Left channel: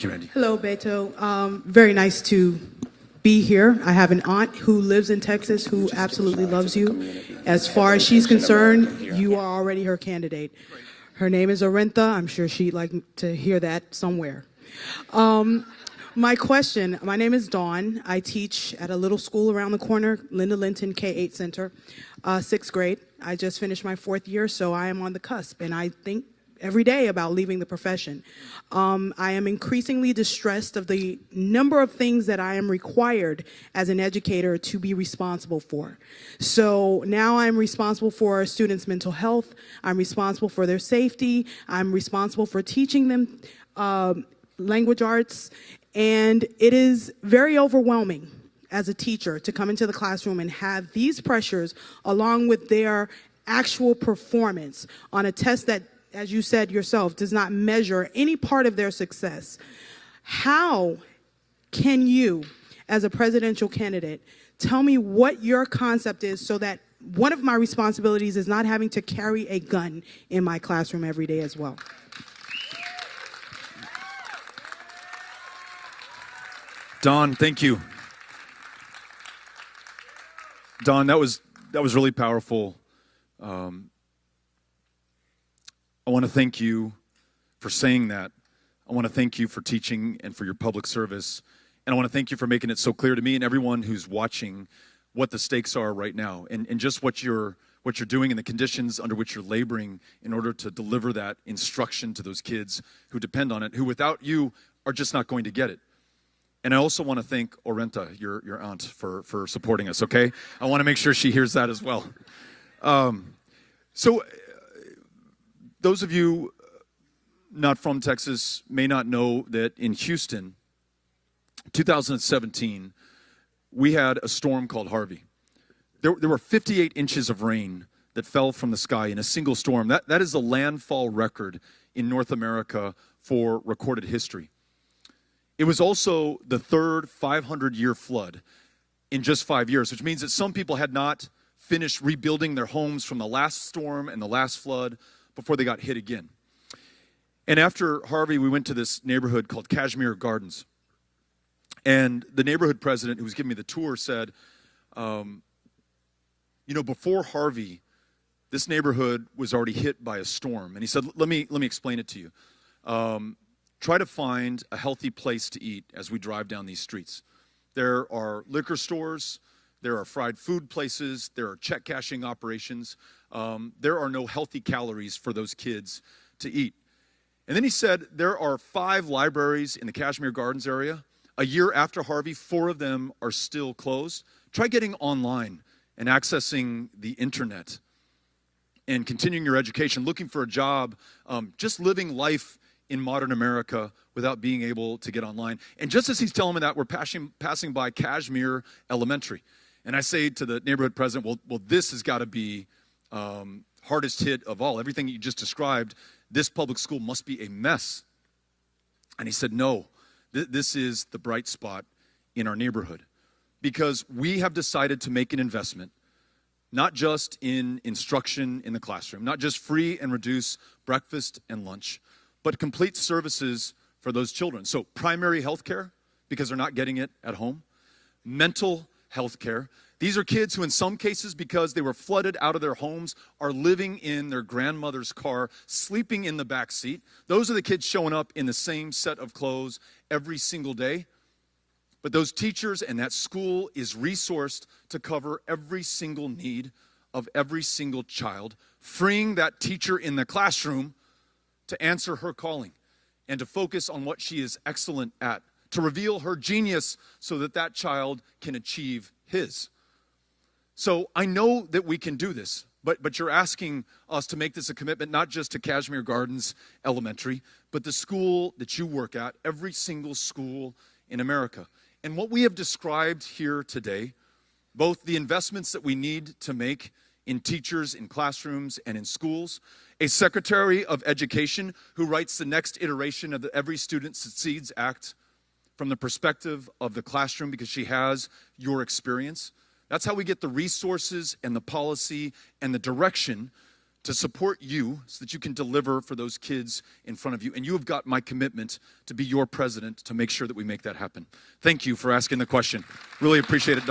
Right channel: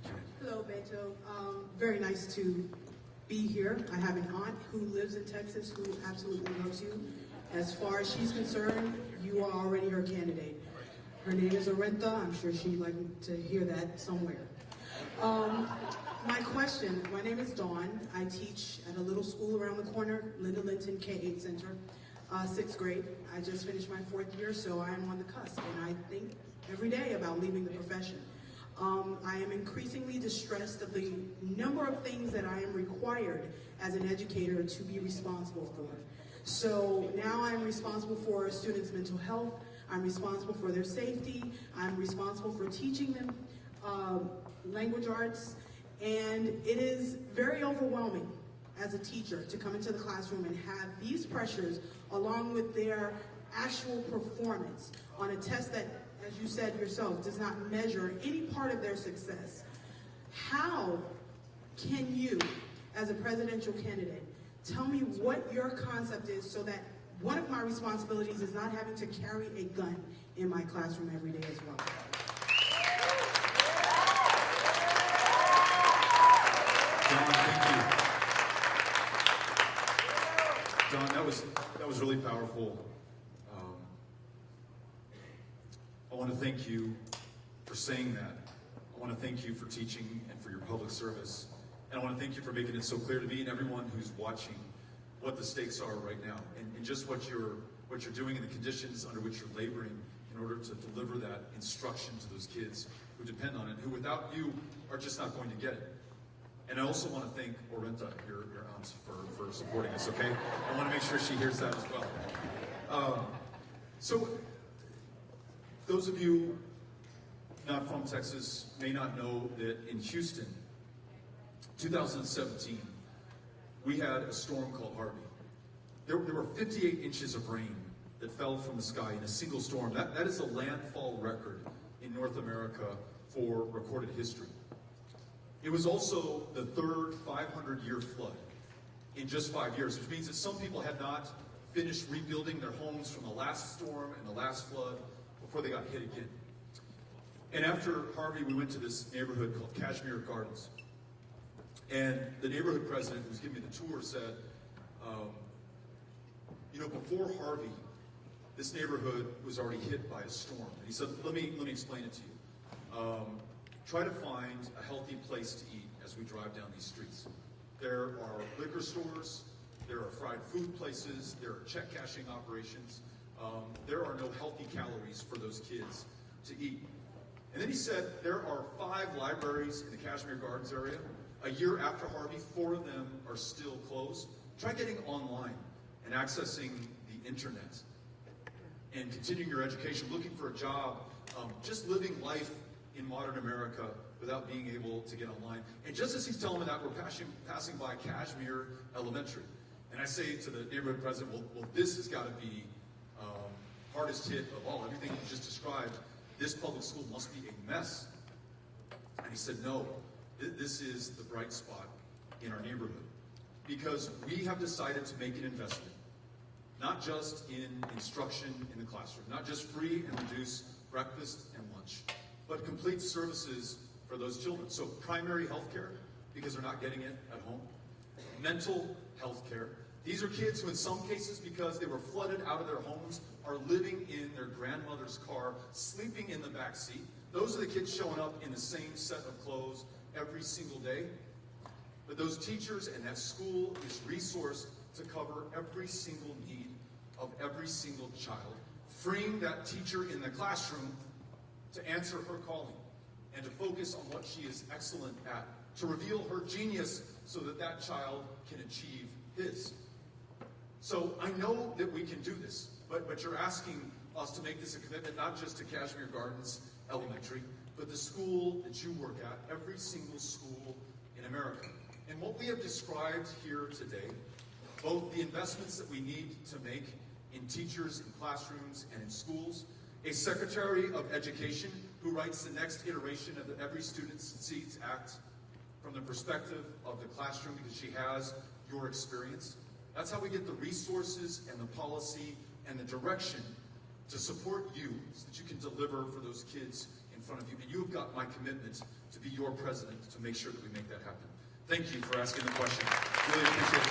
Hello, Beto. Very nice to be here. I have an aunt who lives in Texas who absolutely loves you. As far as she's concerned, you are already her candidate. Her name is Arentha. I'm sure she'd like to hear that somewhere. My name is Dawn. I teach at a little school around the corner, Linda Linton K-8 Center, 6th grade. I just finished my 4th year, so I am on the cusp, and I think every day about leaving the profession. I am increasingly distressed of the number of things that I am required as an educator to be responsible for. So now I'm responsible for students' mental health, I'm responsible for their safety, I'm responsible for teaching them language arts, and it is very overwhelming as a teacher to come into the classroom and have these pressures along with their actual performance on a test that, as you said yourself, does not measure any part of their success. How can you, as a presidential candidate, tell me what your concept is so that one of my responsibilities is not having to carry a gun in my classroom every day as well? Dawn, thank you. Dawn, that was really powerful. I want to thank you for saying that. I want to thank you for teaching and for your public service. And I want to thank you for making it so clear to me and everyone who's watching what the stakes are right now and just what you're doing and the conditions under which you're laboring in order to deliver that instruction to those kids who depend on it, who without you are just not going to get it. And I also want to thank Arentha, your aunt, for supporting us, okay? I want to make sure she hears that as well. So those of you not from Texas may not know that in Houston, 2017, we had a storm called Harvey. There were 58 inches of rain that fell from the sky in a single storm. That is the landfall record in North America for recorded history. It was also the third 500-year flood in just 5 years, which means that some people had not finished rebuilding their homes from the last storm and the last flood before they got hit again. And after Harvey, we went to this neighborhood called Kashmir Gardens. And the neighborhood president who was giving me the tour said, before Harvey, this neighborhood was already hit by a storm. And he said, let me explain it to you. Try to find a healthy place to eat as we drive down these streets. There are liquor stores, there are fried food places, there are check cashing operations. There are no healthy calories for those kids to eat. And then he said there are 5 libraries in the Kashmir Gardens area. A year after Harvey, 4 of them are still closed. Try getting online and accessing the internet and continuing your education, looking for a job, just living life in modern America without being able to get online. And just as he's telling me that, we're passing by Kashmir Elementary. And I say to the neighborhood president, well, this has got to be hardest hit of all. Everything you just described, this public school must be a mess. And he said, no, this is the bright spot in our neighborhood. Because we have decided to make an investment, not just in instruction in the classroom, not just free and reduced breakfast and lunch, but complete services for those children. So primary health care, because they're not getting it at home. Mental health care. These are kids who in some cases, because they were flooded out of their homes, are living in their grandmother's car, sleeping in the back seat. Those are the kids showing up in the same set of clothes every single day. But those teachers and that school is resourced to cover every single need of every single child, freeing that teacher in the classroom to answer her calling and to focus on what she is excellent at, to reveal her genius so that that child can achieve his. So I know that we can do this, but you're asking us to make this a commitment, not just to Kashmir Gardens Elementary, but the school that you work at, every single school in America. And what we have described here today, both the investments that we need to make in teachers, in classrooms, and in schools, a Secretary of Education who writes the next iteration of the Every Student Succeeds Act from the perspective of the classroom because she has your experience. That's how we get the resources and the policy and the direction to support you so that you can deliver for those kids in front of you. And you have got my commitment to be your president to make sure that we make that happen. Thank you for asking the question. Really appreciate it, Don.